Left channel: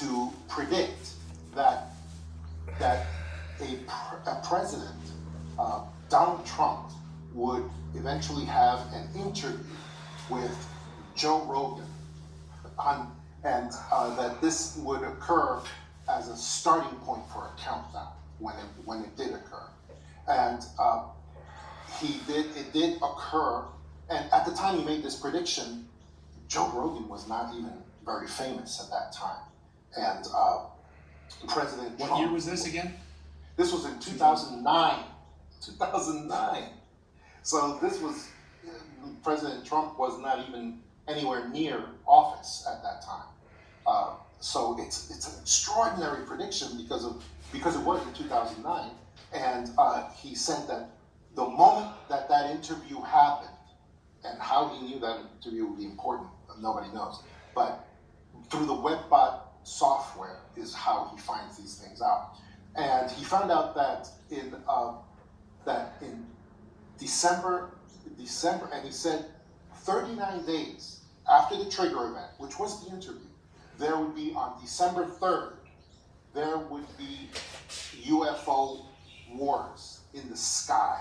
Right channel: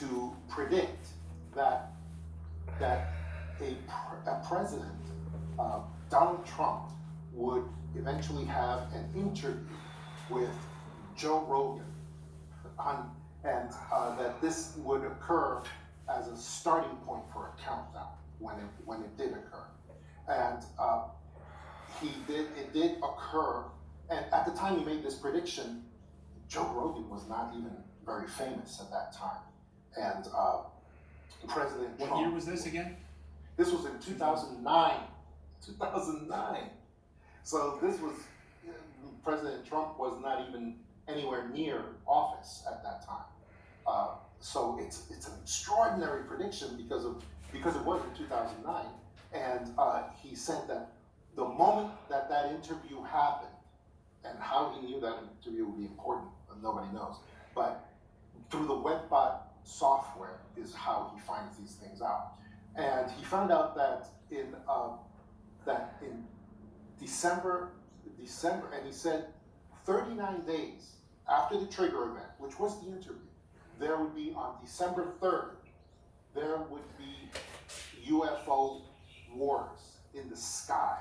to predict that a president, Donald Trump, would eventually have an interview with Joe Rogan, and that this would occur as a starting point for a countdown when it did occur, and it did occur. And at the time he made this prediction, Joe Rogan was not even very famous at that time, and President Trump. What year was this again? This was in 2009. 2009. So this was, President Trump was not even anywhere near office at that time. So it's an extraordinary prediction because it was in 2009, and he said that the moment that interview happened, and how he knew that interview would be important, nobody knows. But through the WebBot software is how he finds these things out. And he found out that in December, and he said 39 days after the trigger event, which was the interview, there would be on December 3rd, there would be UFO wars in the sky.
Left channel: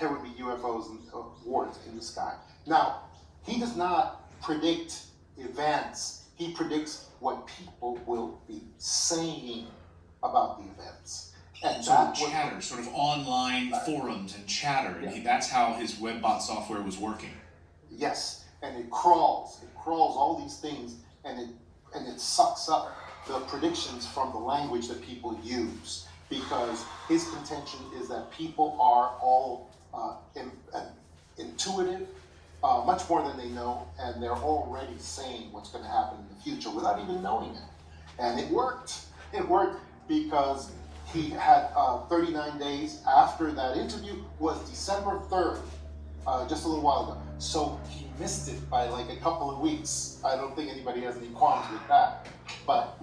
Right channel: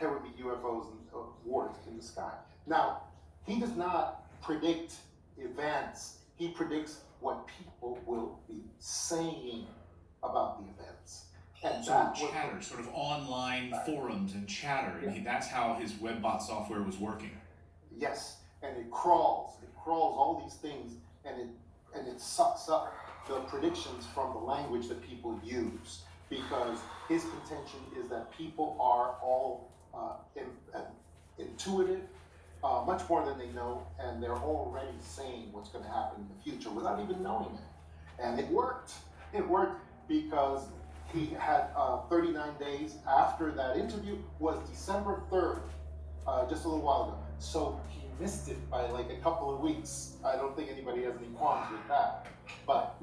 There would be UFOs and wars in the sky. Now, he does not predict events. He predicts what people will be saying about the events. And so chatter, sort of online forums and chatter, and that's how his WebBot software was working. Yes, and it crawls all these things, and it sucks up the predictions from the language that people use, because his contention is that people are all intuitive, much more than they know, and they're already saying what's going to happen in the future without even knowing it. And it worked. It worked because he had 39 days after that interview was December 3rd, just a little while ago. So he missed it by like a couple of weeks. I don't think anybody has any qualms with that. But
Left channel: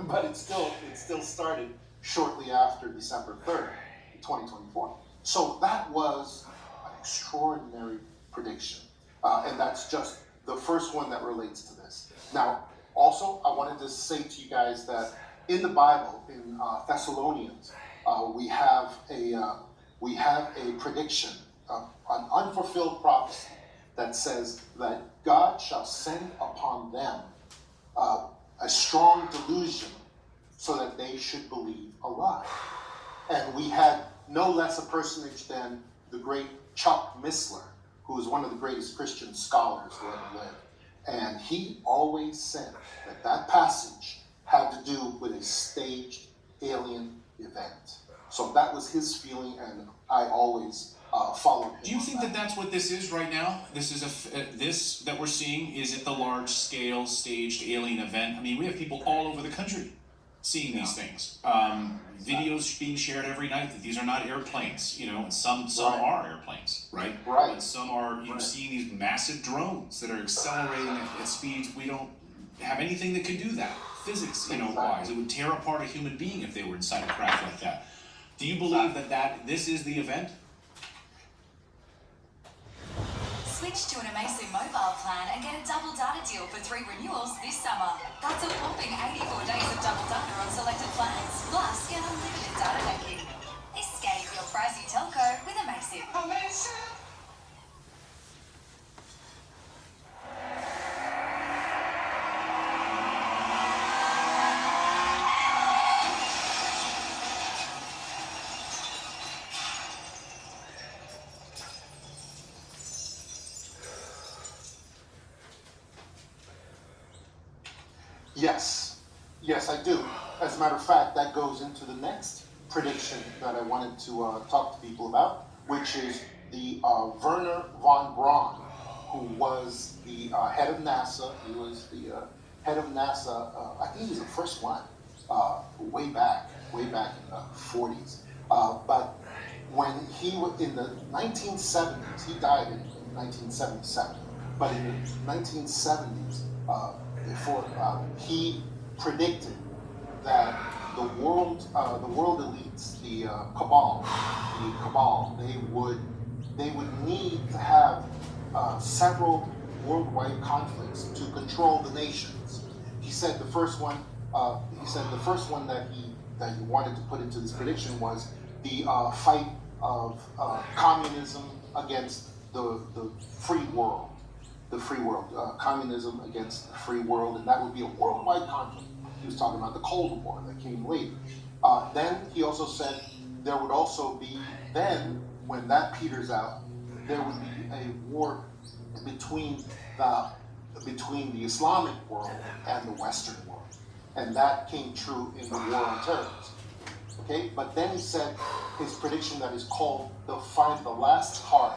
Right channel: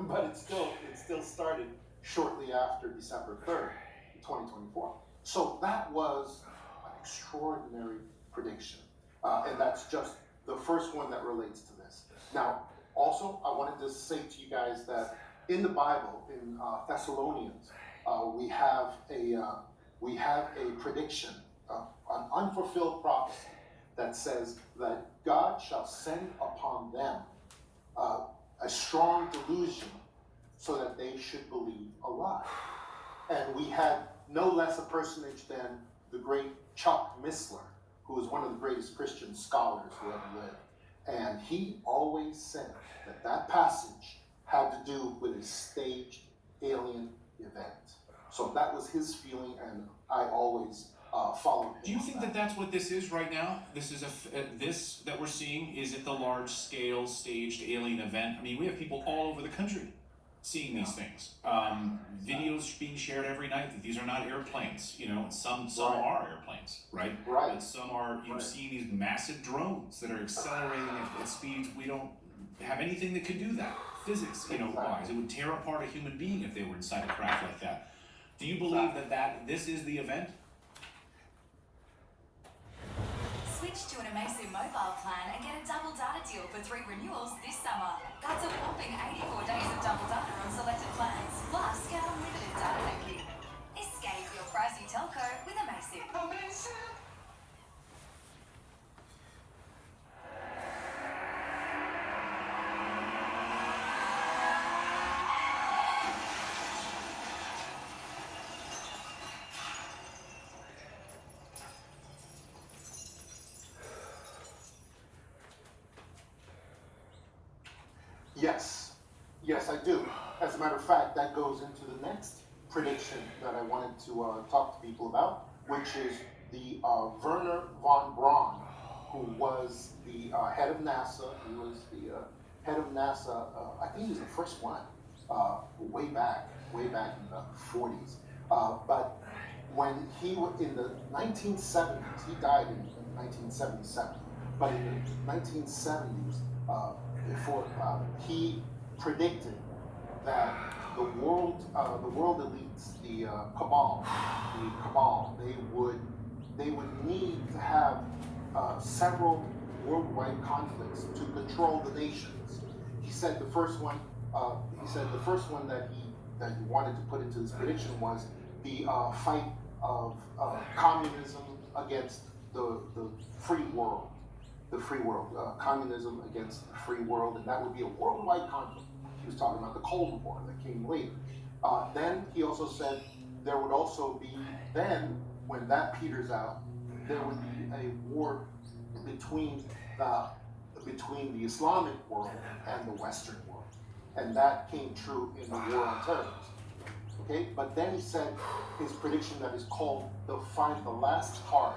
but it still started shortly after December 3rd, 2024. So that was an extraordinary prediction. And that's just the first one that relates to this. Now, also, I wanted to say to you guys that in the Bible, in Thessalonians, we have a prediction, an unfulfilled prophecy that says that God shall send upon them a strong delusion so that they should believe a lie. And we had no less a personage than the great Chuck Missler, who is one of the greatest Christian scholars who ever lived. And he always said that passage had to do with a staged alien event. So that was his feeling, and I always followed him. Do you think that that's what this is right now? This is this that we're seeing, is it the large-scale staged alien event? I mean, we have people all over the country seeing these things. Videos being shared every night that these are not airplanes. You know, some are airplanes, right? Right. But some are, you're seeing these massive drones that are accelerating at speeds we don't have anything that can do that. Physics, wise. It would tear apart a human being if they were inside a craft like that. Do you believe that this is the event? Switch to an Amazing mobile plan and get a double data deal for 3 renewals this summer. That's a whopping 84 days of double data on selected plans, plus get unlimited data banking. Escape your pricey telco with Amazing. Yes, I do. As a matter of fact, that goes into the next prediction that I wanted to talk to people about, which is the Werner von Braun, who was the head of NASA. He was the head of NASA. I think he was the first one way back in the 40s. But when he was in the 1970s, he died in 1977. But in the 1970s, he predicted that the world elites, the cabal, they would need to have several worldwide conflicts to control the nations. He said the first one. He said the first one that he wanted to put into this prediction was the fight of communism against the free world. The free world, communism against the free world, and that would be a worldwide conflict. He was talking about the Cold War that came later. Then he also said there would also be, then when that peters out, there would be a war between the Islamic world and the Western world, and that came true in the War on Terrorism. Okay, but then he said his prediction that is called the last card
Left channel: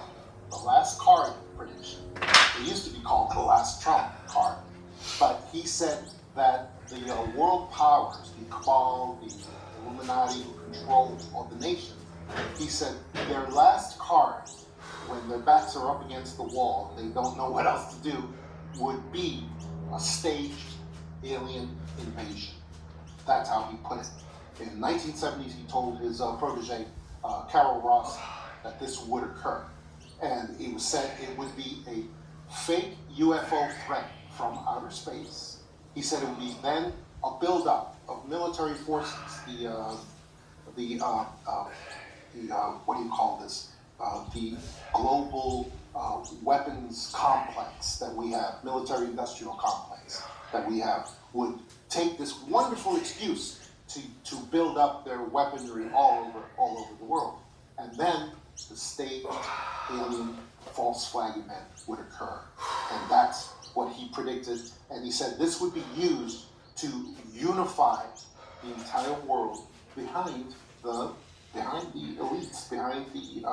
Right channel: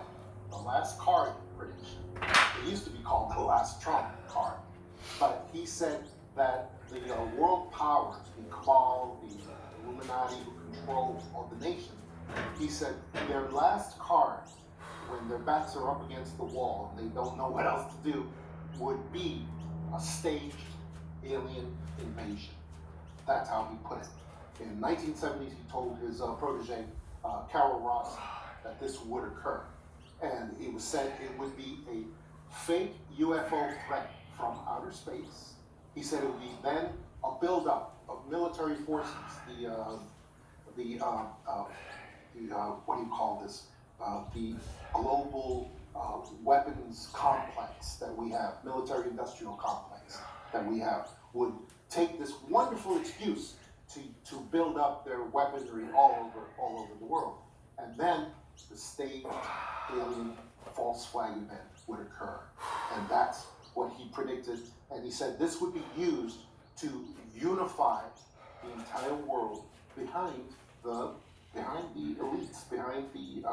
prediction. It used to be called the last Trump card, but he said that the world powers, the cabal, the Illuminati, who control all the nations, he said their last card, when their backs are up against the wall and they don't know what else to do, would be a staged alien invasion. That's how he put it. In the 1970s, he told his protege, Carol Ross, that this would occur. And it was said it would be a fake UFO threat from outer space. He said it would be then a buildup of military forces, what do you call this? The global weapons complex that we have, military industrial complex that we have, would take this wonderful excuse to build up their weaponry all over the world. And then the staged alien false flag event would occur. And that's what he predicted. And he said this would be used to unify the entire world behind the elites, behind the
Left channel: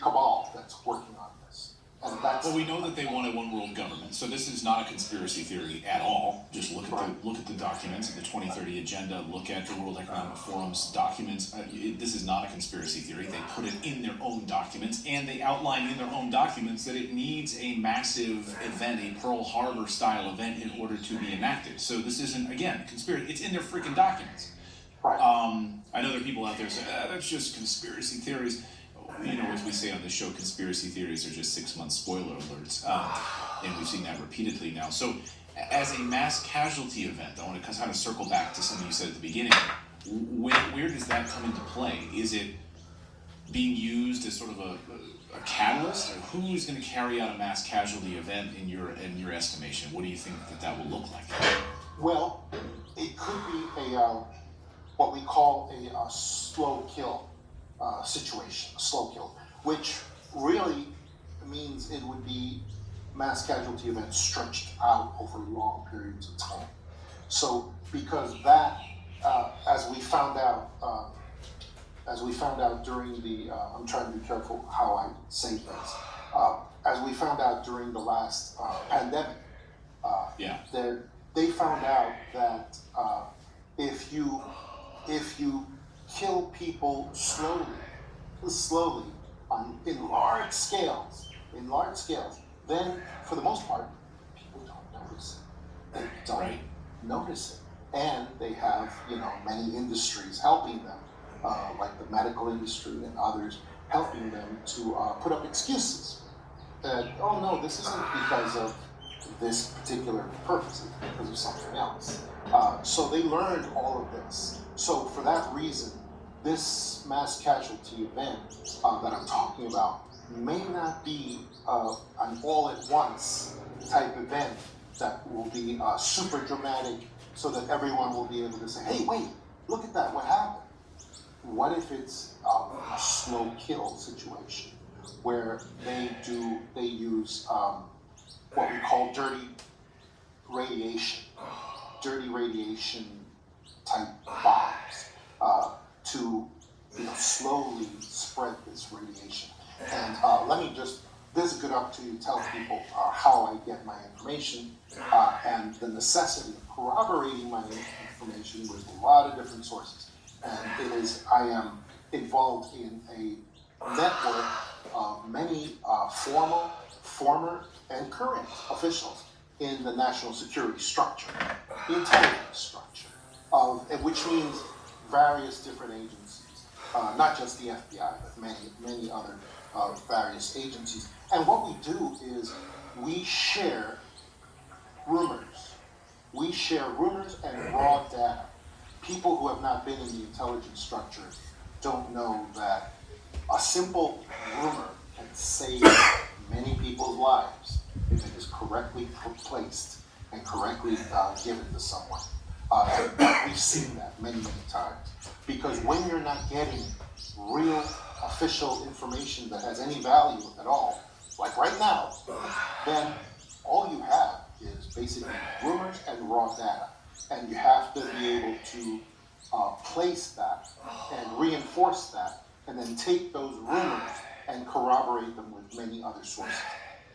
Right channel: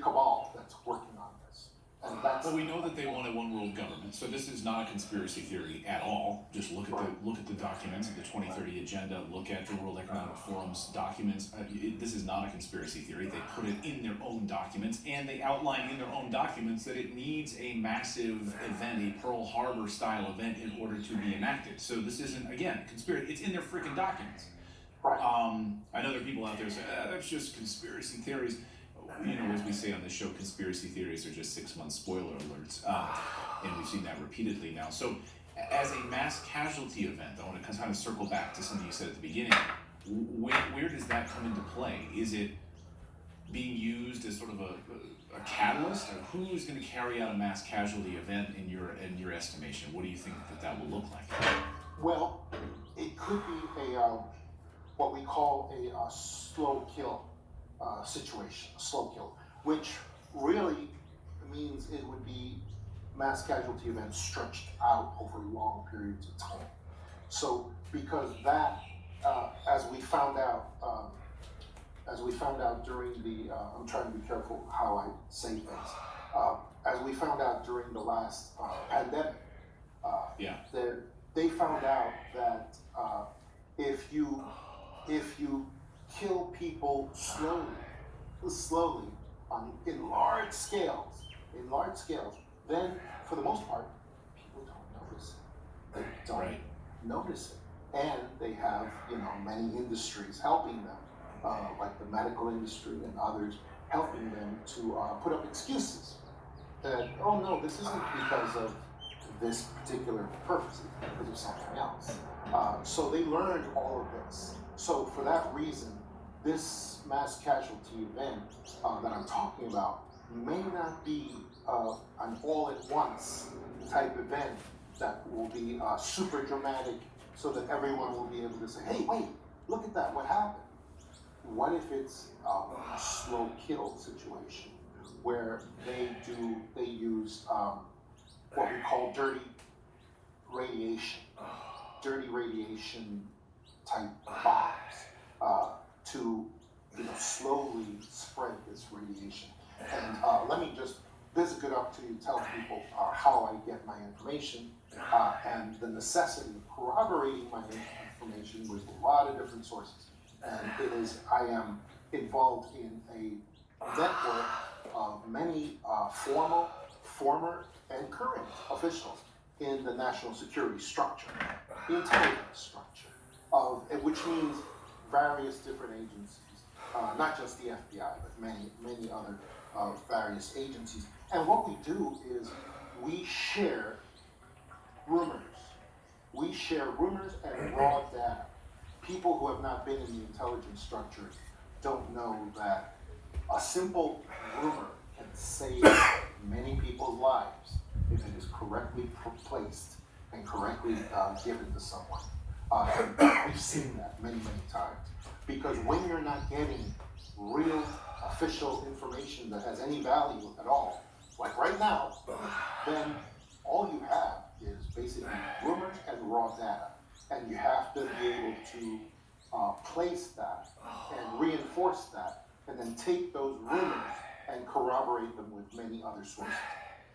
cabal that's working on this. And that's, well, we know that they want a one world government, so this is not a conspiracy theory at all. Just look at the documents of the 2030 agenda. Look at the World Economic Forum's documents. This is not a conspiracy theory. They put it in their own documents, and they outline in their own documents that it needs a massive event, a Pearl Harbor style event, in order to be enacted. So this isn't, again, conspiracy. It's in their freaking documents. I know there are people out there saying, that's just conspiracy theories. You know, as we say on the show, conspiracy theories are just 6 month spoiler alerts. And we've seen that repeatedly now. So as a mass casualty event, I want to kind of circle back to something you said at the beginning. Where does that come into play? Is it being used as sort of a catalyst? Or who's going to carry out a mass casualty event in your estimation? What do you think that will look like? well, it could be what we call a slow kill situation, a slow kill, which really means it would be mass casualty events stretched out over long periods of time. So, because that, as we found out during the, I'm trying to be careful how I say things, as we found out during the last pandemic, they found out that if you kill people slowly in large scales, then for the most part, people don't notice it. They don't notice it. And they have, many industries helping them, like the medical industry and others, helping them to put up excuses that, oh no, this isn't because of this particular purpose, it's because of something else. So they learned all of this. So for that reason, this mass casualty event that I'm talking about may not be an all-at-once type event that will be super dramatic so that everyone will be able to say, hey, wait, look at that, what happened? What if it's a slow kill situation where they use what we call dirty radiation type bombs to slowly spread this radiation. And let me just, this is a good opportunity to tell people how I get my information and the necessity of corroborating my information with a lot of different sources. And I am involved in a network of many former and current officials in the national security structure, the intelligence structure, which means various different agencies, not just the FBI, but many other various agencies. And what we do is we share rumors, we we share rumors and raw data. People who have not been in the intelligence structure don't know that a simple rumor can save many people's lives if it is correctly placed and correctly given to someone. And we've seen that many, many times. Because when you're not getting real official information that has any value at all, like right now, then all you have is basically rumors and raw data. And you have to be able to place that and reinforce that, and then take those rumors and corroborate them with many other sources.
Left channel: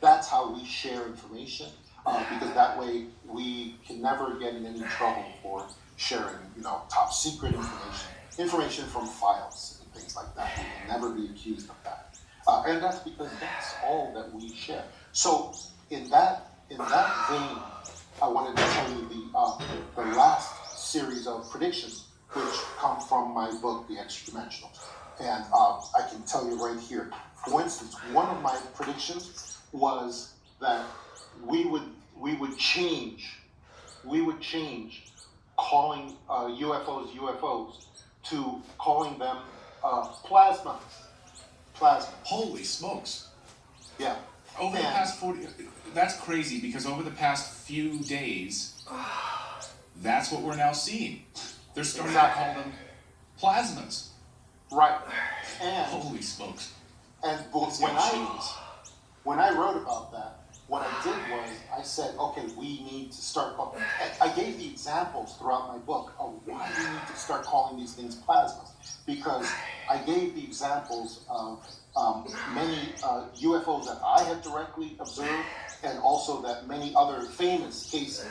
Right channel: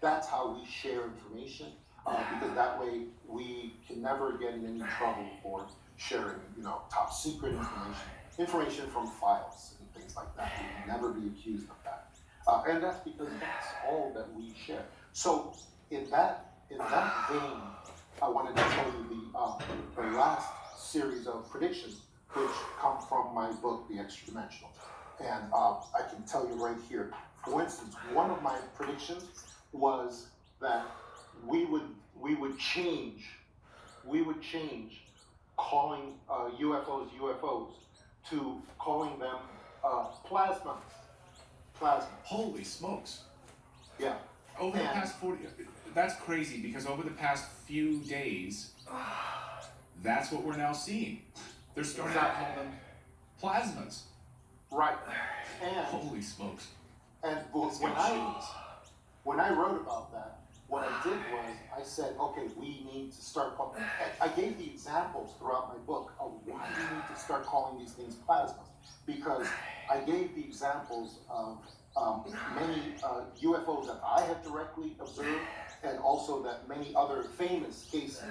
That's how we share information, because that way we can never get in any trouble for sharing, top secret information from files and things like that. We can never be accused of that, and that's because that's all that we share. So in that vein, I wanted to show you the last series of predictions, which come from my book, The Extra Dimensional. And I can tell you right here, for instance, one of my predictions was that we would change calling UFOs to calling them plasmas. Holy smokes. Yeah. Over the past 40, that's crazy, because over the past few days, that's what we're now seeing. They're starting to call them plasmas. Right. And Holy smokes. And when I wrote about that, what I did was I said, okay, we need to start. I gave the examples throughout my book of why we need to start calling these things plasmas, because I gave the examples of many UFOs that I had directly observed, and also that many other famous cases,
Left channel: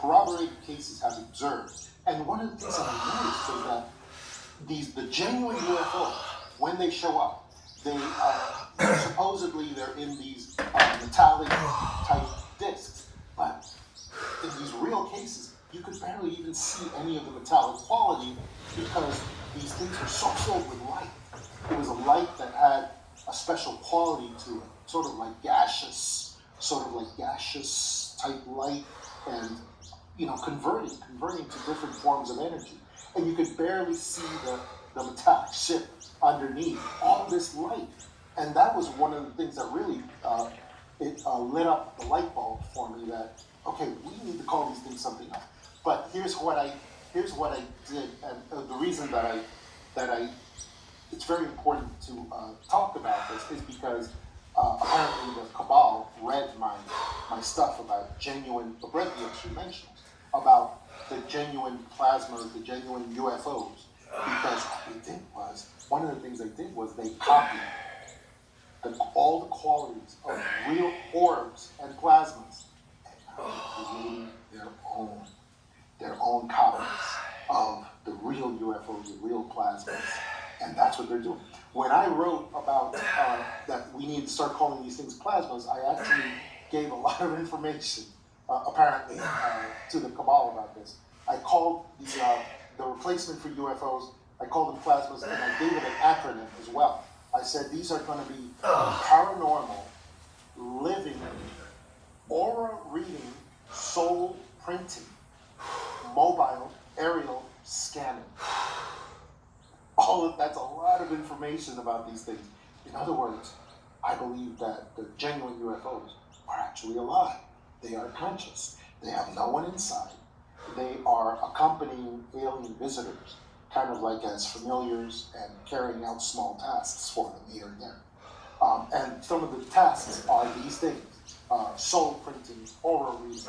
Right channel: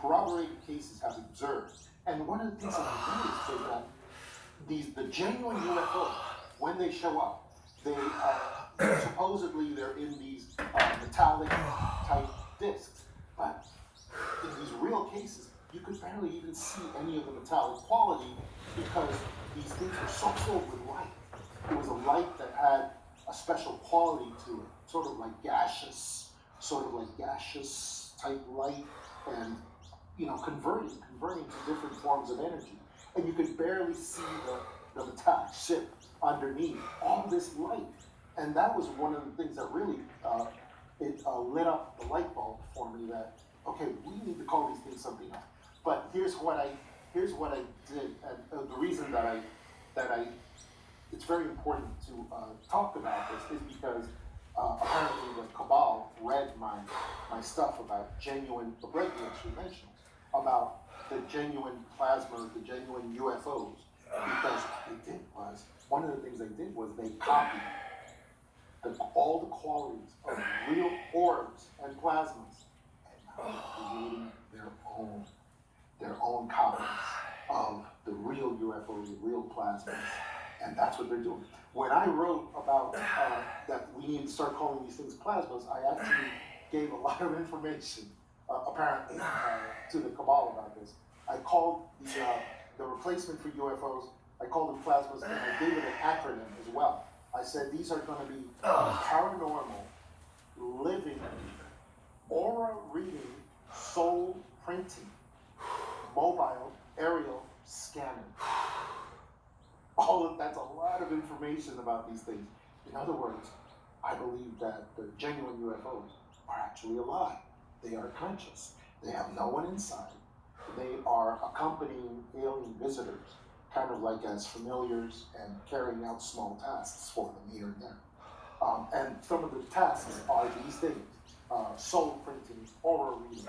corroborated cases, have observed. And one of the things that I noticed was that the genuine UFOs, when they show up, they supposedly they're in these metallic type discs, but in these real cases, you could barely even see any of the metallic quality, because these things were so filled with light. It was a light that had a special quality to it, sort of like gaseous type light, and converting to different forms of energy. And you could barely see the metallic chip underneath all this light. And that was one of the things that really lit up the light bulb for me, that okay, we need to call these things something else. But here's what I did, and the reason that it's very important to talk about this is because apparently the cabal read my stuff about read the extra dimensionals, about the genuine plasmas, the genuine UFOs, because one of the things they did was they copied all the qualities of real orbs and plasmas, and creating their own copies of the real UFOs, the real plasmas, and that's what they're doing. When I wrote about that we need to start calling these things plasmas, I actually gave a lot of information, apparently, to the cabal about this. I called the replacement for UFOs, I called them plasmas, and I gave it an acronym as well. I said these are going to be paranormal, living, aura reading, soul printing, mobile, aerial scanning. That's a lot of information about these things. In other words, I believe that the genuine UFOs are actually alive. They are conscious. They have no one inside. They are accompanying alien visitors, kind of like as familiars, and carrying out small tasks for them here and there. And some of the tasks are these things: soul printing, aura reading,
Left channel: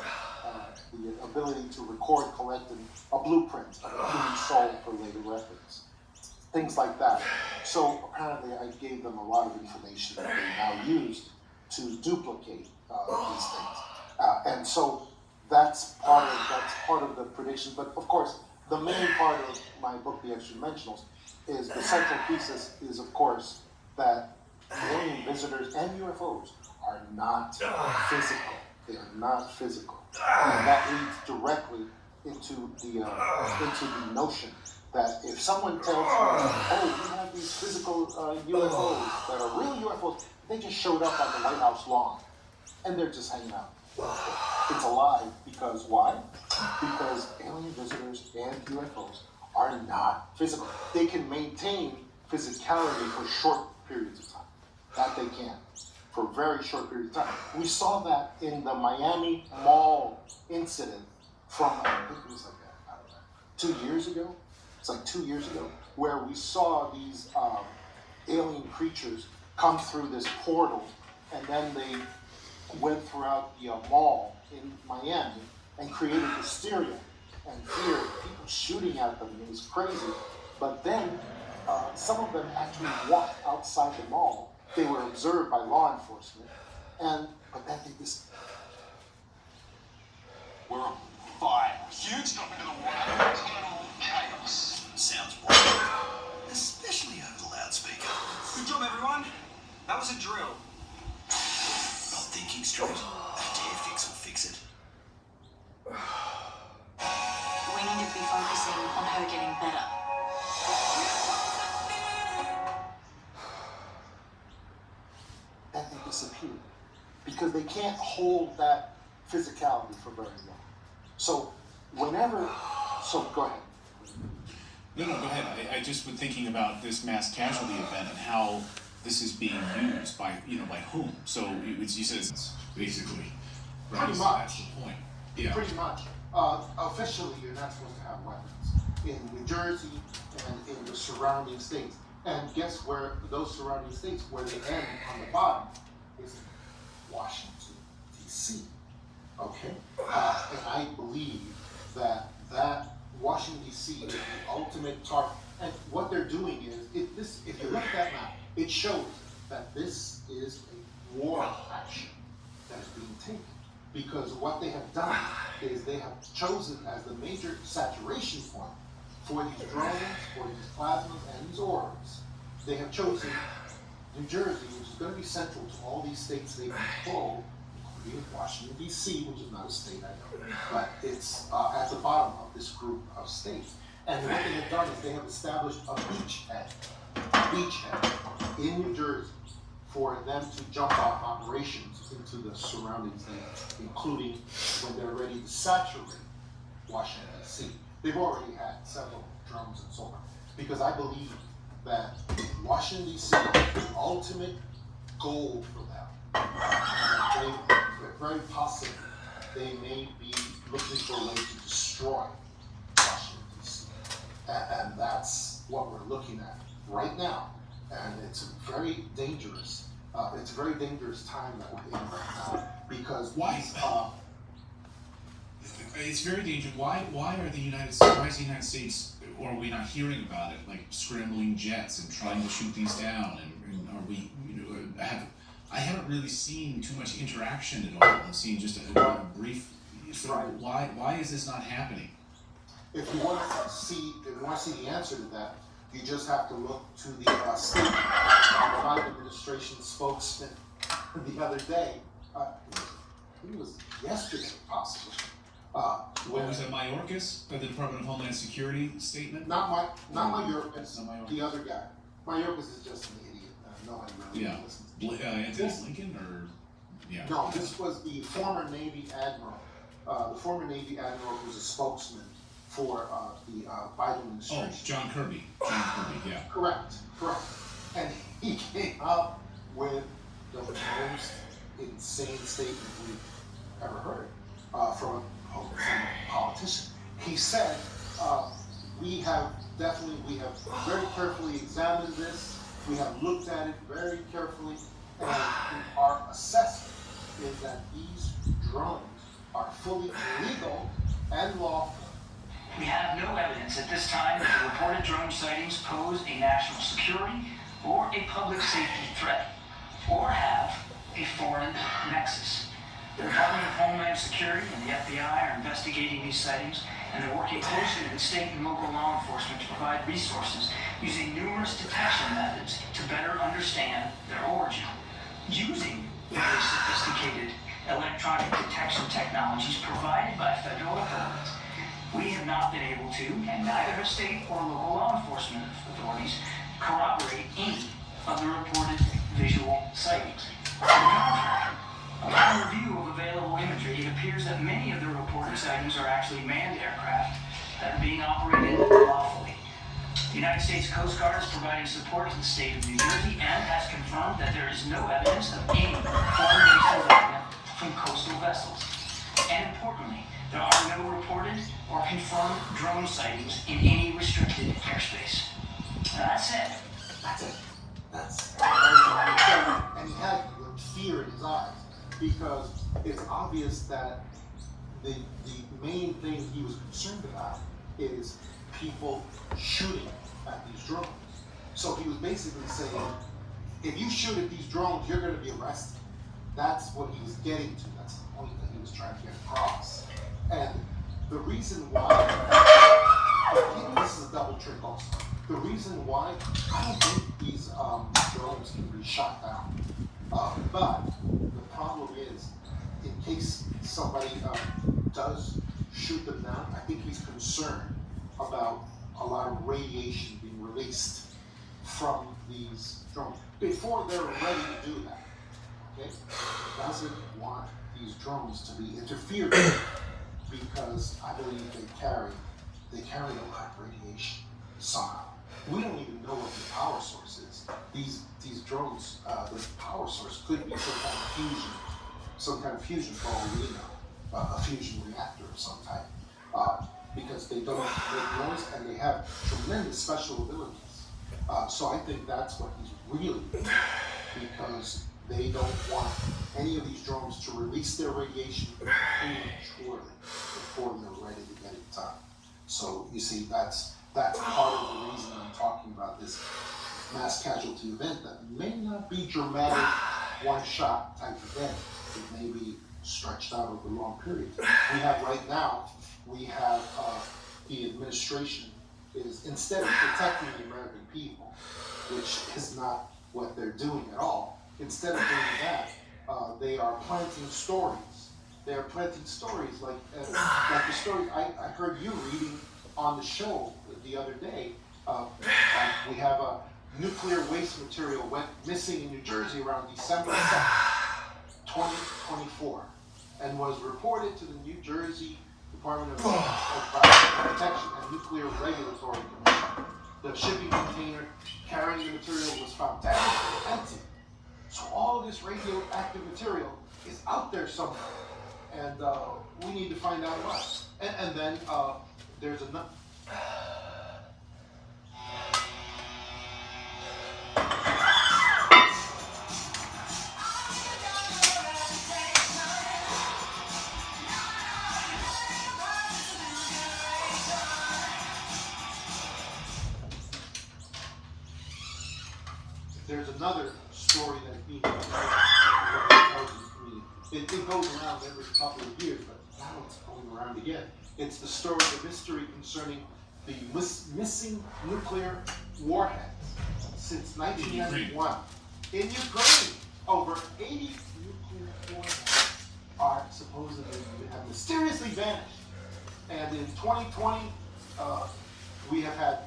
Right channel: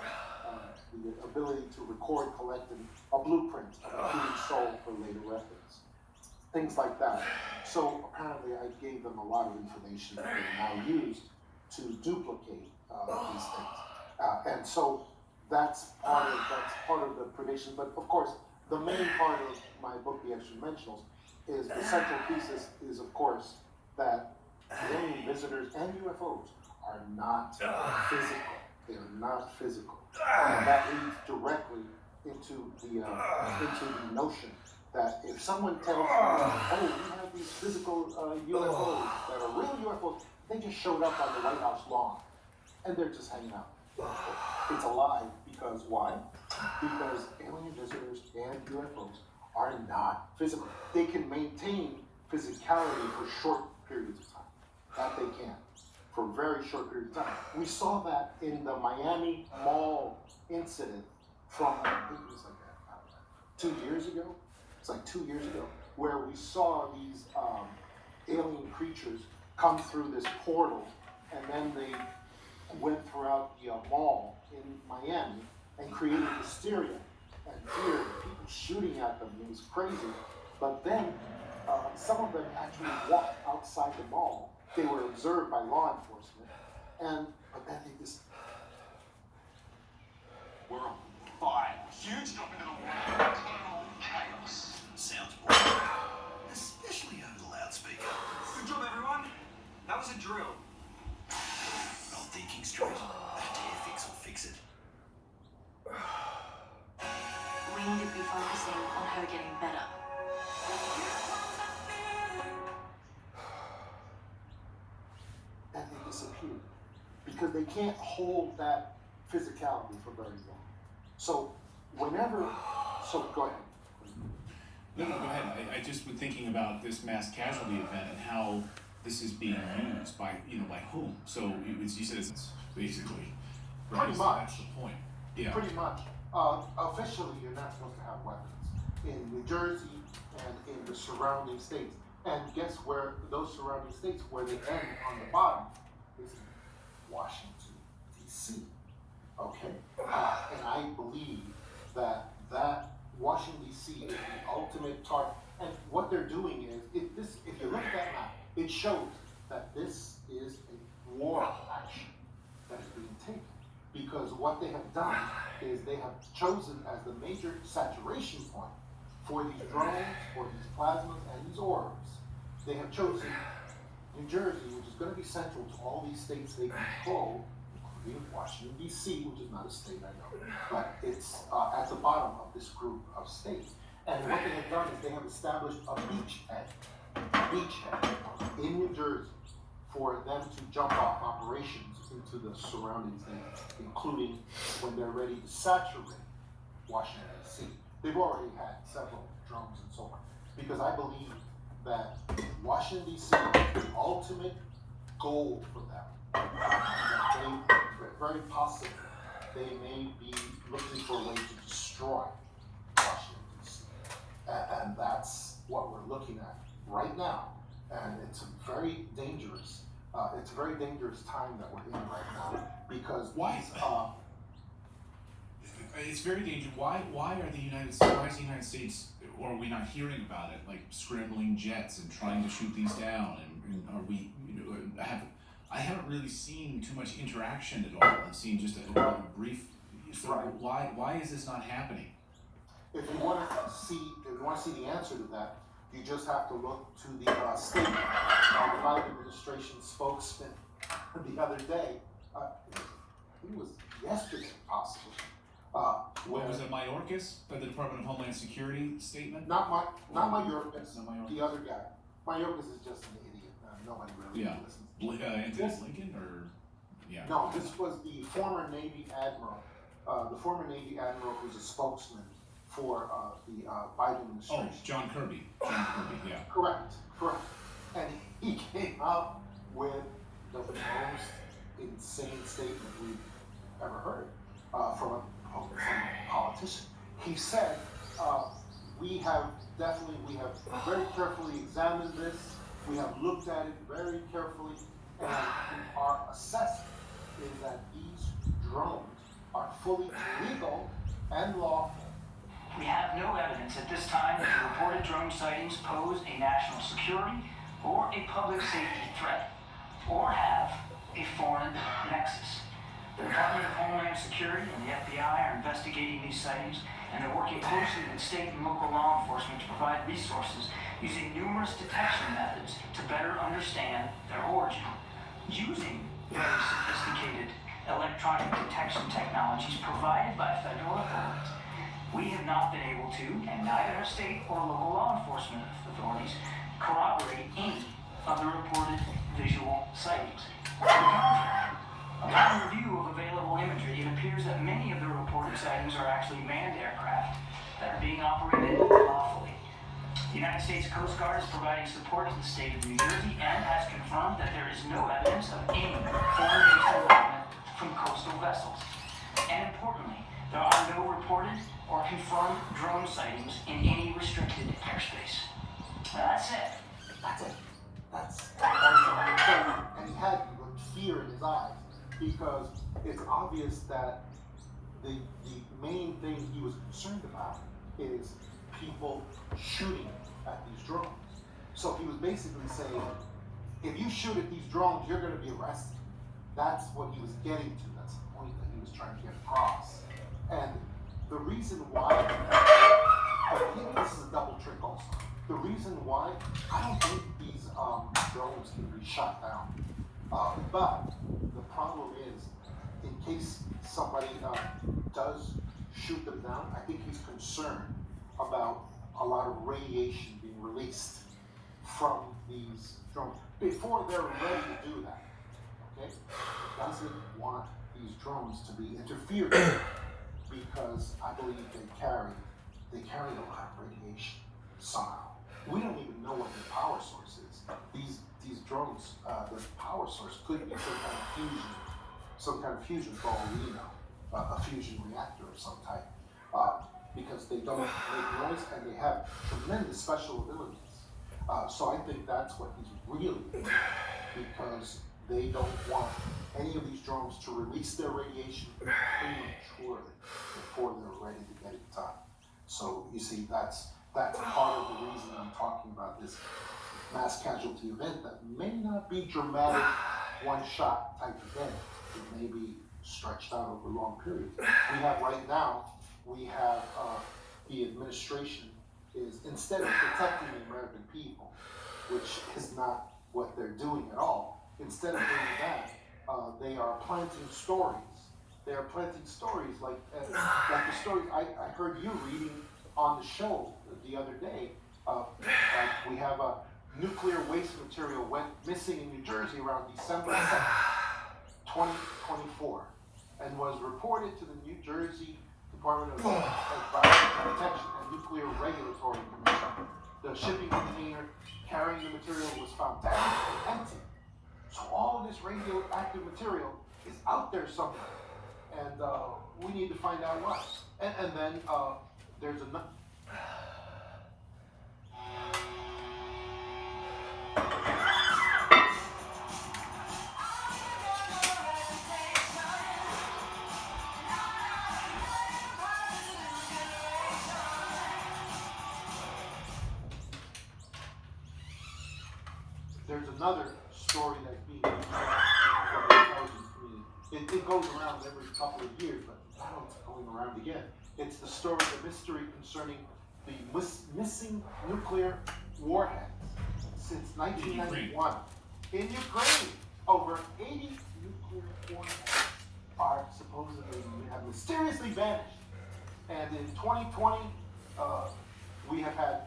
the ability to record, collect a blueprint of a human soul for later reference, things like that. So apparently I gave them a lot of information that they now use to duplicate these things. And so that's part of the prediction. But of course, the main part of my book, The Extra Dimensionals, is the central thesis is, of course, that alien visitors and UFOs are not physical. They are not physical. And that leads directly into the notion that if someone tells you, oh, we have these physical UFOs that are real UFOs, they just showed up on the White House lawn, and they're just hanging out. It's a lie, because why? because alien visitors and UFOs are not physical. They can maintain physicality for short periods of time. That they can, for a very short period of time. We saw that in the Miami Mall incident from, I think it was like, I don't know, 2 years ago? It's like 2 years ago, where we saw these alien creatures come through this portal, and then they went throughout the mall in Miami and created hysteria and fear, people shooting at them. It was crazy. But then some of them actually walked outside the mall. They were observed by law enforcement, but then they just We're fine. Huge jump into the water. Chaos. Sounds boring. Especially over the loudspeaker. Good job, everyone. That was a drill. Not thinking straight. Dare fix or fix it. We need to be focusing on her getting better. and they disappeared because they can't hold that physicality for very long. So go ahead. No, go ahead. I just was thinking about this mass casualty event and how this is being used by whom. So you said it's basically right? Pretty So much. that's the point. Yeah. Pretty much. Officially, you're not supposed to have weapons in New Jersey and in the surrounding states. And guess where those surrounding states, where they end on the bottom, is in Washington, D.C. Okay? And I believe that Washington, D.C. is the ultimate target. And what they're doing is, if you look at that map, it shows that this is a war action that is being taken. Because what they have done is they have chosen as the major saturation point for these drones, for these plasmas, and these orbs. They have chosen New Jersey, which is going to be central to all these states they control, including Washington, D.C., which is not a state, I know, but it's at the bottom of this group of states. And what they have done is they have established a beachhead in New Jersey for them to jump off operations into the surrounding states, including when they're ready to saturate Washington, D.C. They've already had several drones and so on, because I believe that Washington, D.C. is the ultimate goal for them. Very possibly, they may be looking for a way to destroy Washington, D.C. And that's what we're looking at right now. And it's very dangerous. It's a very dangerous time that we're in right now, because Why? It's very dangerous. Why is the United States, or are we not hearing about it, like scrambling jets and trying to shoot these down? And are we, I haven't really seen too much interaction at all. I've seen just a brief. So Right. why is this not happening? if you want to see the answer to that, you just have to look to the statement of the Biden administration spokesman the other day. It was yesterday, possibly. What was it, Mayorkas, the Department of Homeland Security statement? Not Mayorkas, Not Mayorkas. the other guy. Mayorkas is just an idiot. Nobody really Yeah. listens. Anthony Lincoln, or yeah. No, this was the former Navy Admiral. The former Navy Admiral who's a spokesman for the Biden administration. Oh, John Kirby, yeah. Correct. And he came up with the most insane statement we've ever heard from a politician. He said, we have very carefully examined this. We have looked at it very carefully, and our assessment is that these drones are fully legal and lawful. We have no evidence at this time that the reported drone sightings pose a national security or a public safety threat, or have a foreign nexus. The Department of Homeland Security and the FBI are investigating these sightings, and they're working closely with state and local law enforcement to provide resources using numerous detection methods to better understand their origin. Using very sophisticated electronic detection technologies provided by federal authorities, we have not been able to, and neither have state or local law enforcement authorities, corroborate any of the reported visual sightings. On the contrary, Upon review of available imagery, it appears that many of the reported sightings are actually manned aircraft that are being operated lawfully. The United States Coast Guard is providing support to the state of New Jersey and has confirmed that there is no evidence of any foreign-based involvement from coastal vessels. And importantly, there are no reported or confirmed drone sightings in any restricted airspace. Now that said, That's it. That's and he had like fear in his eyes because it's obvious that the main thing he was concerned about is people shooting at these drones. So he was basically saying, if you shoot at these drones, you're going to be arrested. That's what he was getting to. That's the point that he was trying to get across. And the reason why, maybe this is a double trick also. The reason why, I don't think these drones can be shot down. But the problem is, in case somebody does shoot them down, I think he's concerned about a lot of radiation being released from these drones before they're ready to do that. Okay? Doesn't want these drones to be interfered with because I believe they carry a lot of radiation somehow. We don't even know what the power source is. These drones, the power source could be some kind of fusion for all we know, a fusion reactor of some type, because they don't make noise and they have tremendous special abilities. So I think that's what he's really doing, because they don't want any of these drones to release their radiation prematurely before they're ready to get it done. So you see, that's part of the reason I'm talking about this mass casualty event that may not be dramatic, one-shot type event. It may be stretched out over long periods. We have right now, the administration is, instead of protecting the American people, which is not what they're doing at all, instead of doing that, they are planting stories. They are planting stories like the story I heard you reading on the show the other day. We have a nuclear waste material went missing in New Jersey around December 2nd, 2024, and was reported to the New Jersey Department of Environmental Protection and Nuclear Regulatory Commission. The shipping container carrying the material was found damaged and empty. So all of this radioactive material is out there somewhere, and we need to find out why. And then there's another. There's another story that's being from the intelligence community. It goes around every couple of years, but now it's going around again. It's the story, the mystery concerning the missing nuclear warheads since 1991. In Ukraine, over 80 nuclear warheads are supposedly have mysteriously vanished. And in 2020, we have had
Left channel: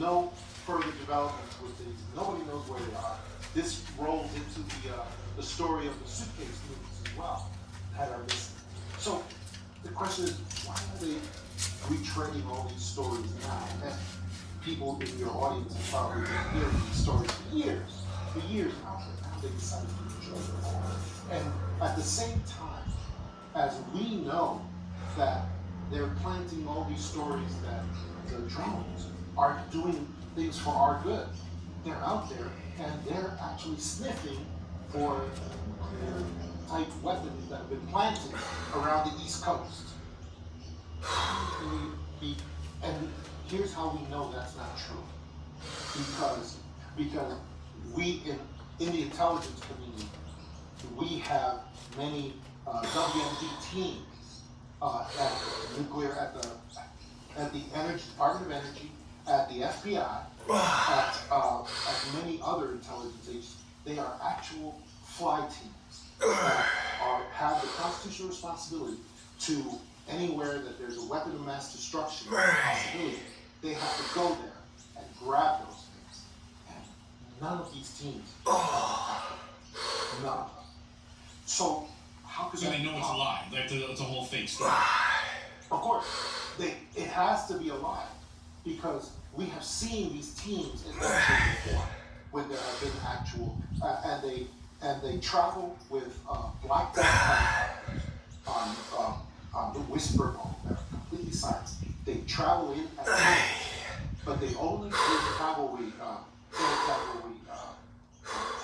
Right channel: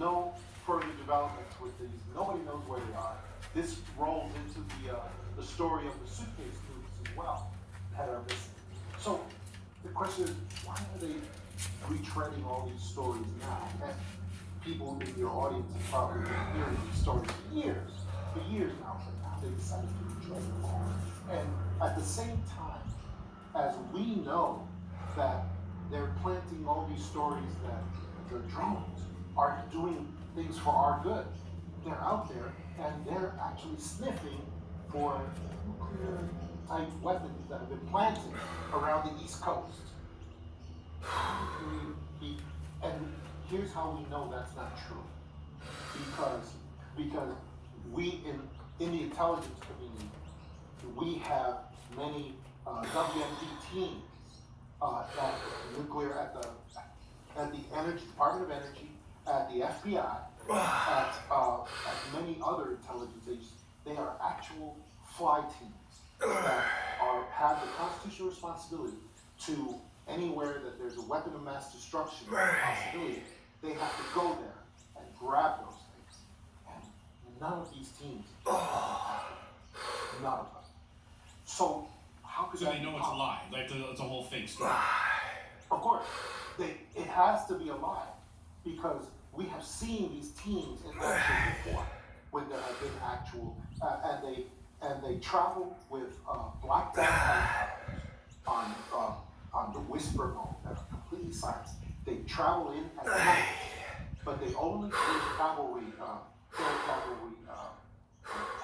no further developments with these. Nobody knows where they are. This rolls into the story of the suitcase moves as well that are missing. So the question is, why are they retreading all these stories now? And people in your audience have probably been hearing these stories for years now. Now they decided to retread them all. And at the same time, as we know that they're planting all these stories that the drones are doing things for our good. They're out there and they're actually sniffing for nuclear type weapons that have been planted around the East Coast. And here's how we know that's not true. Because we in the intelligence community, we have many WMD teams at nuclear at the Energy Department of Energy, at the FBI, at many other intelligence agencies. They are actual fly teams that have the constitutional responsibility to anywhere that there's a weapon of mass destruction possibility. They have to go there and grab those things. And none of these teams, none of them. So how could So that they know be it's a wrong? lie. Like it's a whole fake story. Of course, it has to be a lie because we have seen these teams in action before when there have been actual and they travel with black belt on the whisper mode that are completely silent. They travel in at night, but they only take cavalry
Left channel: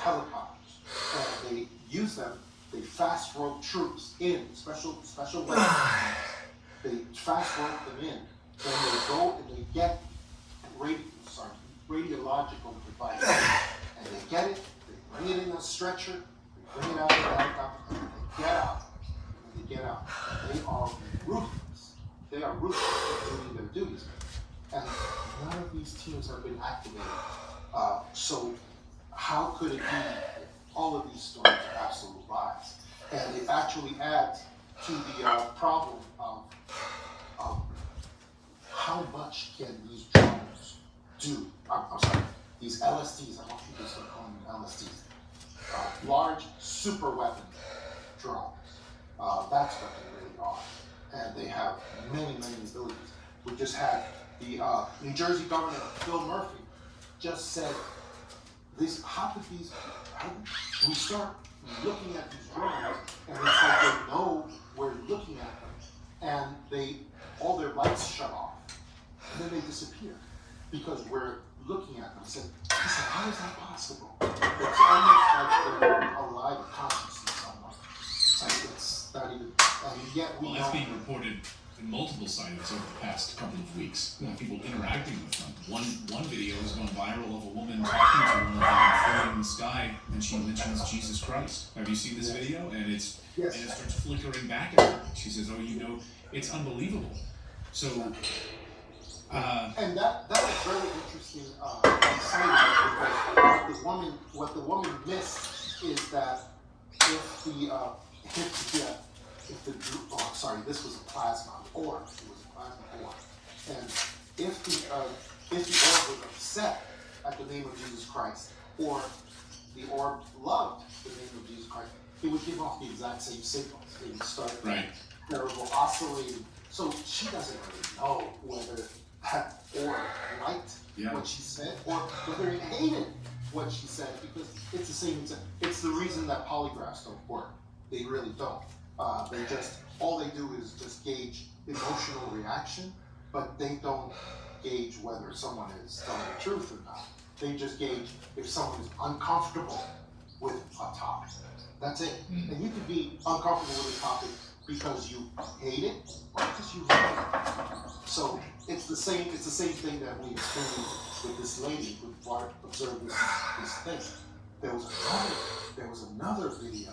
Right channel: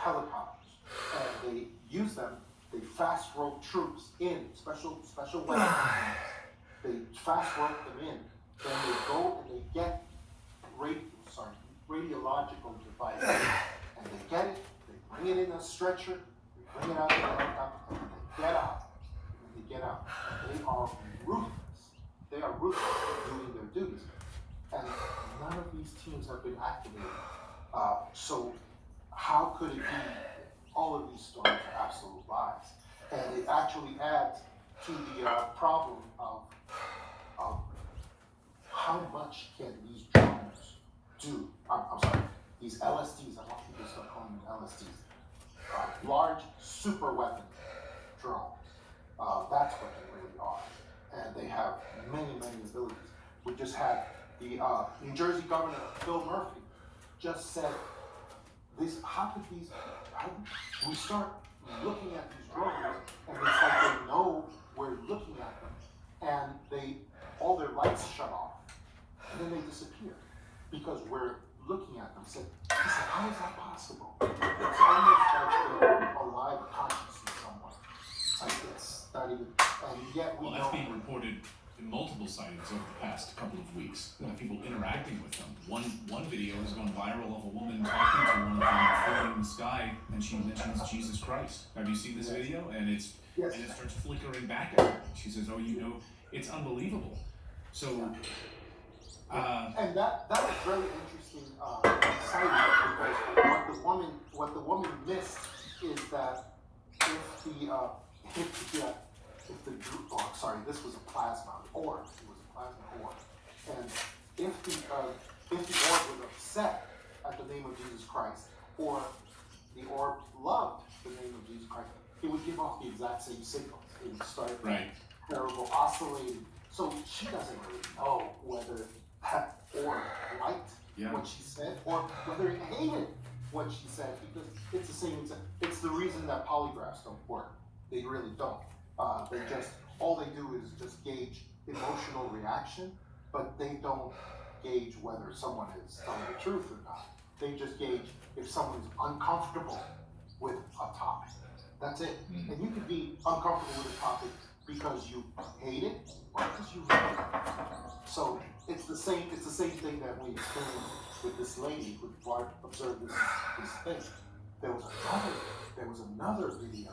helicopters, and they use them. They fast rope troops in special weapons. They fast rope them in. Then they go and they get radiological device, and they get it. They bring it in a stretcher. They bring it out of the helicopter, and they get out. And they get out. And they are ruthless. They are ruthless in doing their duties. And none of these teams have been activated. So how could it be that all of these stories are absolute lies? And it actually adds to the problem of how much can these drones do? I'm sorry, these LSDs, I want you to start calling them LSDs. Large super weapon drones. That's what they really are. And they have many, many abilities. We just had the New Jersey Governor, Phil Murphy, just said, how do we start looking at these drones and it's like they know we're looking at them and all their lights shut off and then they disappear because we're looking at them. He said, how is that possible? It's almost like they're alive consciousness somewhere. It's like it's not even, and yet we Well, that's being reported in multiple sightings over the past couple of weeks. People interacting with them. One video has gone viral of a woman talking to one of them floating in the sky, and she mentions Jesus Christ. Have you seen this video? And it starts flickering back at her. She says, "Oh, it's unbelievable." So, and that was very interesting insight because what the woman missed is that this was a plasma orb. It was a plasma orb, and if the orb was upset at the name of Jesus Christ, or the orb loved the name of Jesus Christ, it would give off the exact same signals. It would start terrible oscillating. So she doesn't really know whether that orb liked what she said or whether it hated what she said, because it's the same. It's the reason that polygraphs don't work. They really don't. All they do is just gauge emotional reaction, but they don't gauge whether someone is telling the truth or not. They just gauge if someone is uncomfortable with a topic. That's it. And you can be uncomfortable with a topic because you hate it or because you love it. So it's the same thing that we experienced with this lady who observed this thing. There was another video,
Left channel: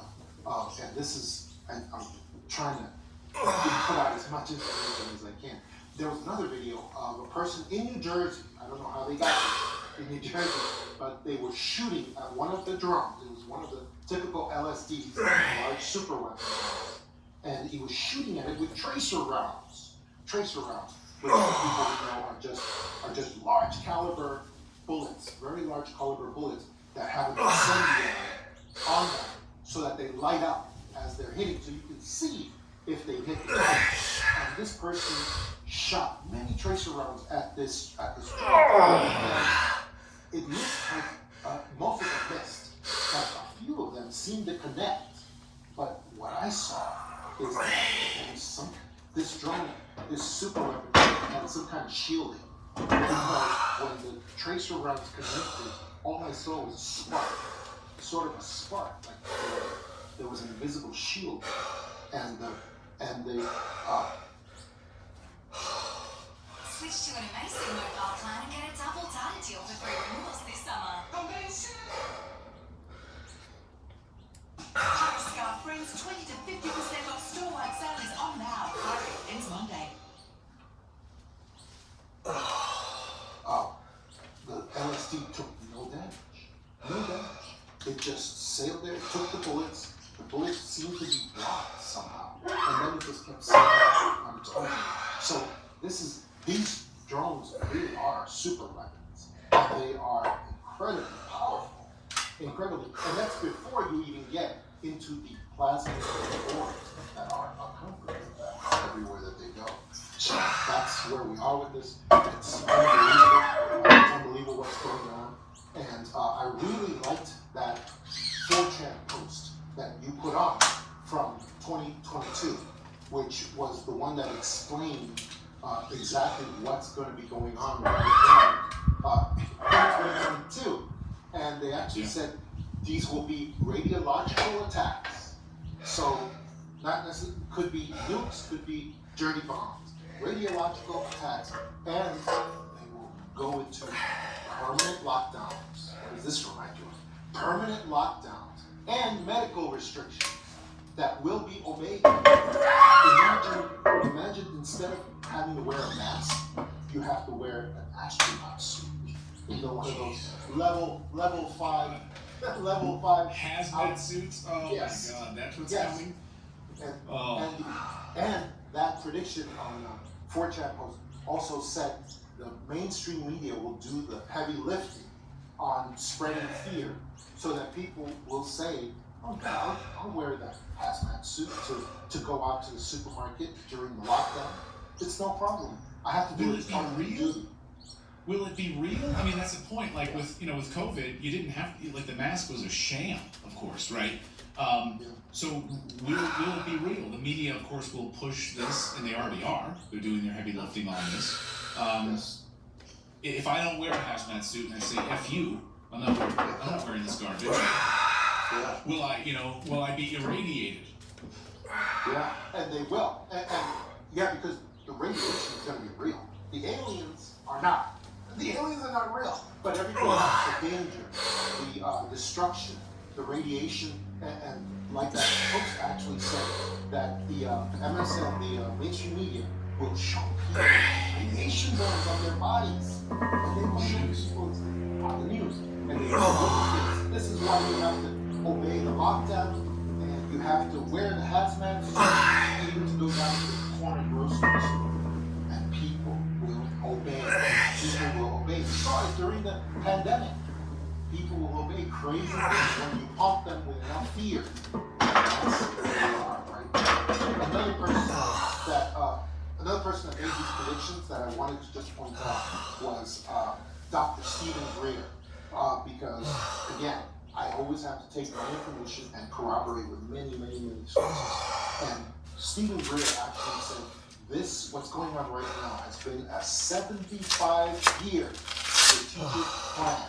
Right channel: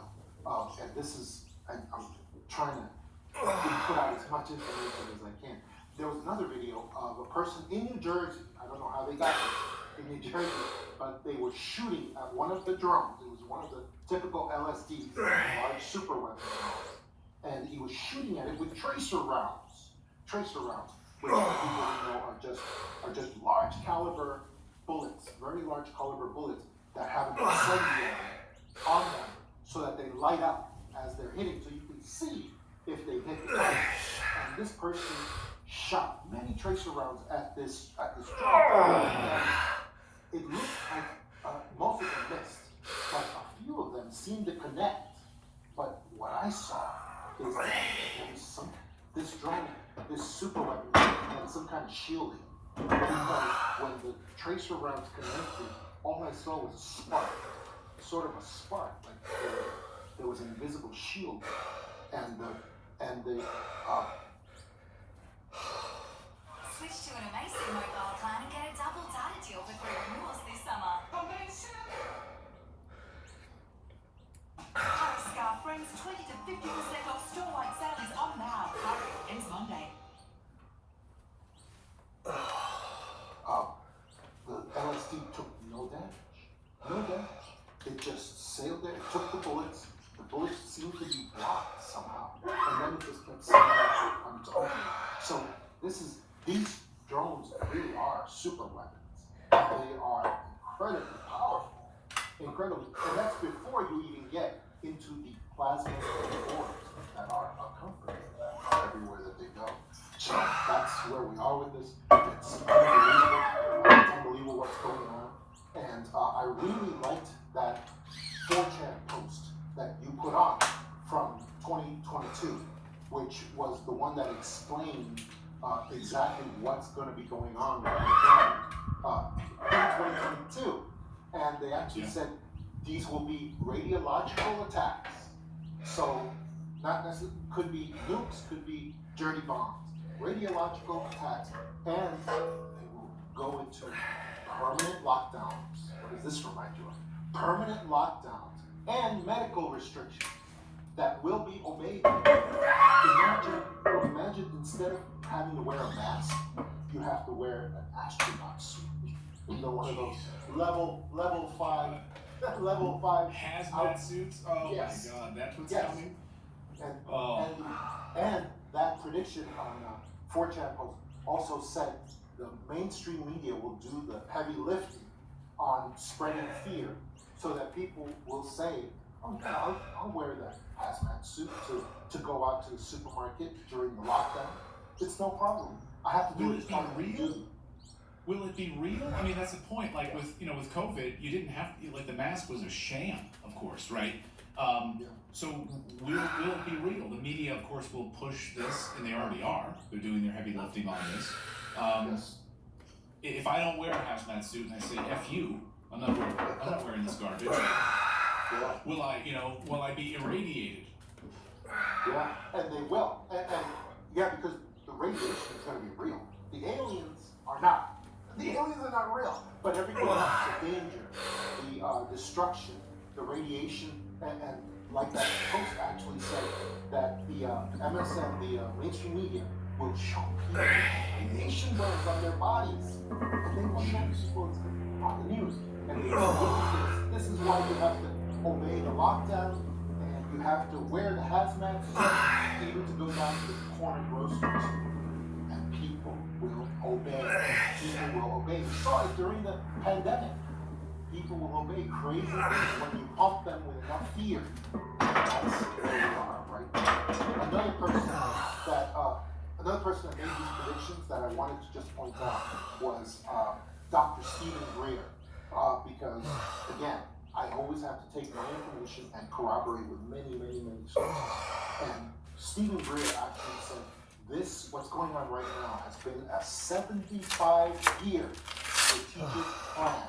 and I'm trying to put out as much information as I can. There was another video of a person in New Jersey. I don't know how they got it in New Jersey, but they were shooting at one of the drones. It was one of the typical LSDs, large super weapons, and he was shooting at it with tracer rounds. Tracer rounds, which people know are just large caliber bullets, very large caliber bullets that have an incendiary on them, so that they light up as they're hitting, so you can see if they hit the target. And this person shot many tracer rounds at this drone. It looked like most of them missed, but a few of them seemed to connect. But what I saw is that there was this drone, this super weapon, had some kind of shielding. Because when the tracer rounds connected, all I saw was a spark, sort of a spark, like there was an invisible shield, and the Switch to an amazing mobile plan and get a double data deal for 3 renewals this summer. Scarf Friends 20 to 50% off store-wide sale is on now. Ends Monday. The LSD took no damage. No damage. It just sailed there, took the bullets. The bullets seemed to be blocked somehow. And then it just kept sailing on its own. So these drones really are super weapons. They are incredibly powerful. Incredibly. And that's before you even get into the plasma orbs that are accompanying them everywhere that they go. So that's where we are with this. It's unbelievable what's going on. And I really liked that 4chan post that you put on from 2022, which was the one that explained exactly what's going to be going on with the in 2022. And they actually said these will be radiological attacks. So not necessarily, could be nukes, could be dirty bombs, radiological attacks, and they will go into permanent lockdowns. What does this remind you of? Permanent lockdowns and medical restrictions that will be obeyed. Imagine instead of having to wear a mask, you have to wear an astronaut suit. You know, one of those level five hazmat suits. Oh yes. my God, that's what's Yes. coming. And that prediction on 4chan post also said the mainstream media will do the heavy lifting on spreading fear, so that people will say, "Oh, I'll wear that hazmat suit to go out to the supermarket during the lockdown. It's no problem. I have to do it on duty." Will it be real? I mean, that's the point. Like with COVID, you didn't have like the mask was a sham, of course, right? So will it be real? The media, of course, will push this, and they already are. They're doing their heavy lifting on this. Yes. If I don't wear a hazmat suit and I say "F you," I'm not wearing this garbage. Yeah. Will I be irradiated? Yeah, and they will. And because the radiation is going to be real. The aliens are not. The aliens are not real. But everything else, the danger, the destruction, the radiation, and like that post actually said that the MSN, the mainstream media, will show people radiation burns on their bodies. And they will show people on the news. And they will this is why you have to obey the lockdown, and you have to wear the hazmat suit, even to go down to the corner groceries. And people will obey. People will obey. We saw it during the pandemic. People will obey crazy things when you pump them with enough fear. That's where we are right now. Another person that made these predictions that I wanted to just point out was Dr. Stephen Greer. Because, again, I always have to take my information and corroborate with many sources. And Stephen Greer actually said, what's going on right now has been a 75-year strategic plan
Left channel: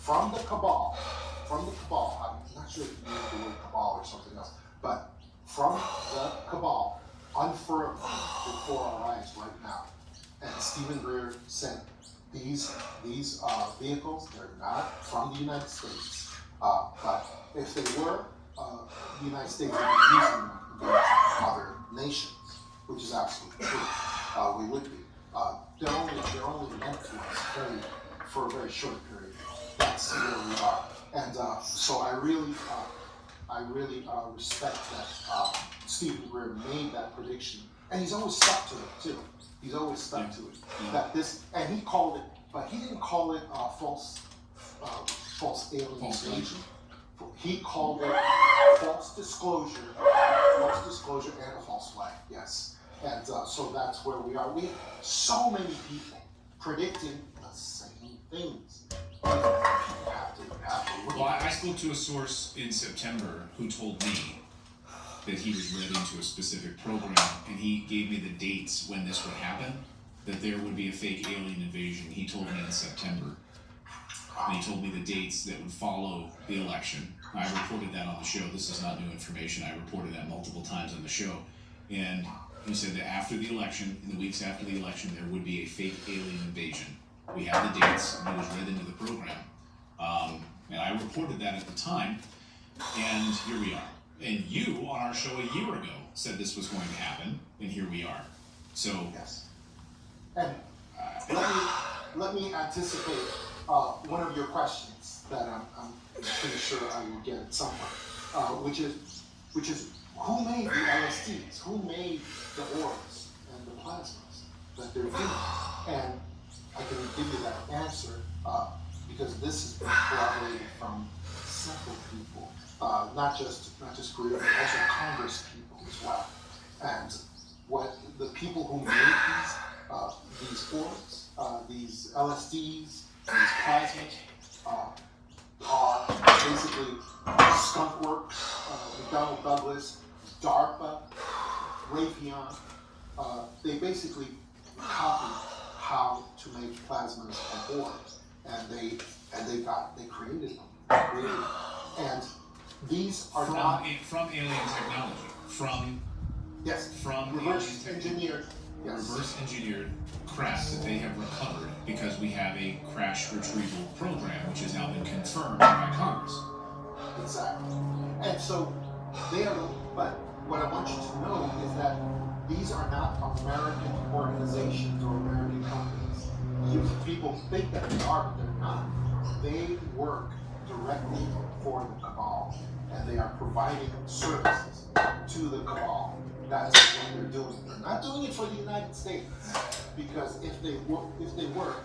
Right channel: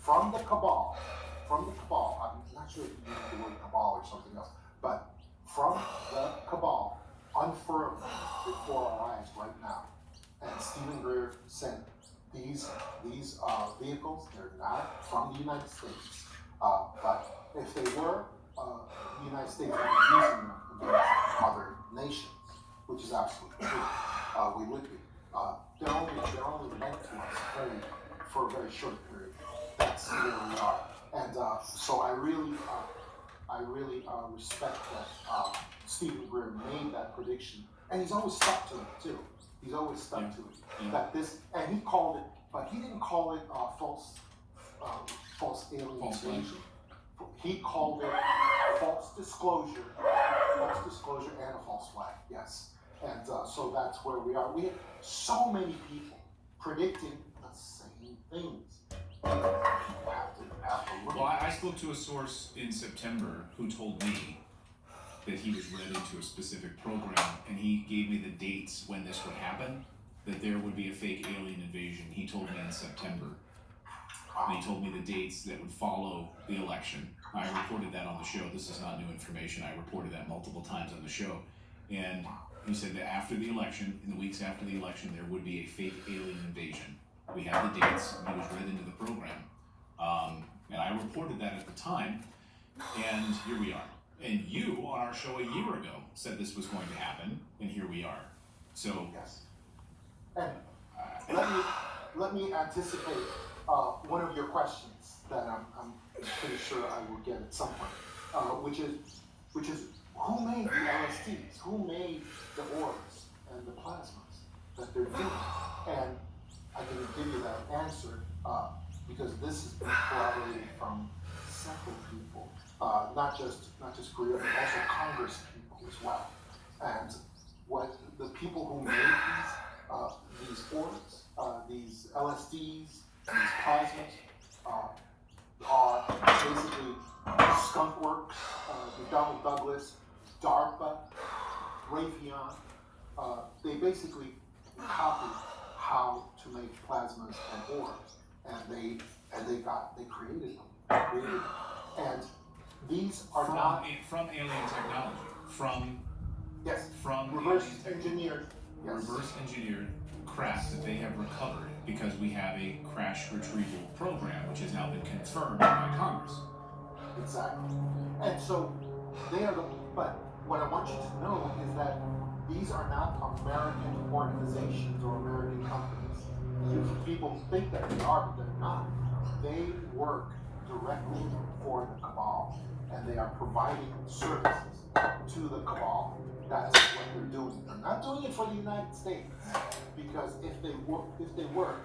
from the cabal. I'm not sure if you use the word cabal or something else, but from the cabal, unfurled before our eyes right now. And Stephen Greer said, these vehicles, they're not from the United States. But if they were, the United States would be using them against other nations, which is absolutely true. We would be. They're only meant to us for a very short period. That's where we are. And so I really respect that Stephen Greer made that prediction, and he's always stuck to it too. He's always stuck to it. Yeah. That this, and he called it, but he didn't call it false alien invasion. He called it false disclosure and a false flag. Yes, and so that's where we are. We have so many people predicting the same things. People have to look. Well, I spoke to a source in September who told me that he was read into a specific program, and he gave me the dates when this would happen, that there would be a fake alien invasion. He told me in September. And he told me the dates that would follow the election. I reported that on the show. This is not new information. I reported that multiple times on the show. And he said that after the election, in the weeks after the election, there would be a fake alien invasion. We have the dates, and he was read into the program. And I reported that at the time, and here we are. And you, on our show a year ago, said this was going to happen, and here we are. So, Yes. And let me anticipate one of your questions that I'm pretty sure I will get at some point, which is who made the LSDs? Who made the orbs and the plasmas that they're doing? And I can give you that answer because this has been corroborated from several people. not just Korea, but also Congress people as well. And what the people who made these orbs, these LSDs, these plasmas, are basically Skunk Works, McDonnell Douglas, DARPA, Raytheon. They basically copied how to make plasmas and orbs, and they created them. And these are not from alien technology, from reverse engineered. Yes. Reverse engineered craft that they have recovered because we have a crash retrieval program which has now been confirmed by Congress. Exactly. And so they are but what I want you to know is that these are not American organizations or American companies. You people think that they are, but they're not. They work directly for the cabal, and they are providing services to the cabal. That's what they're doing. They're not doing it for the United States, because if they work, the United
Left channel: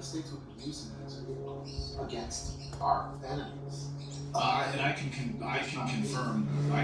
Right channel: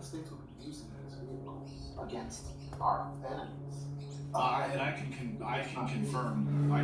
States would be using these vehicles against our enemies. And I can confirm what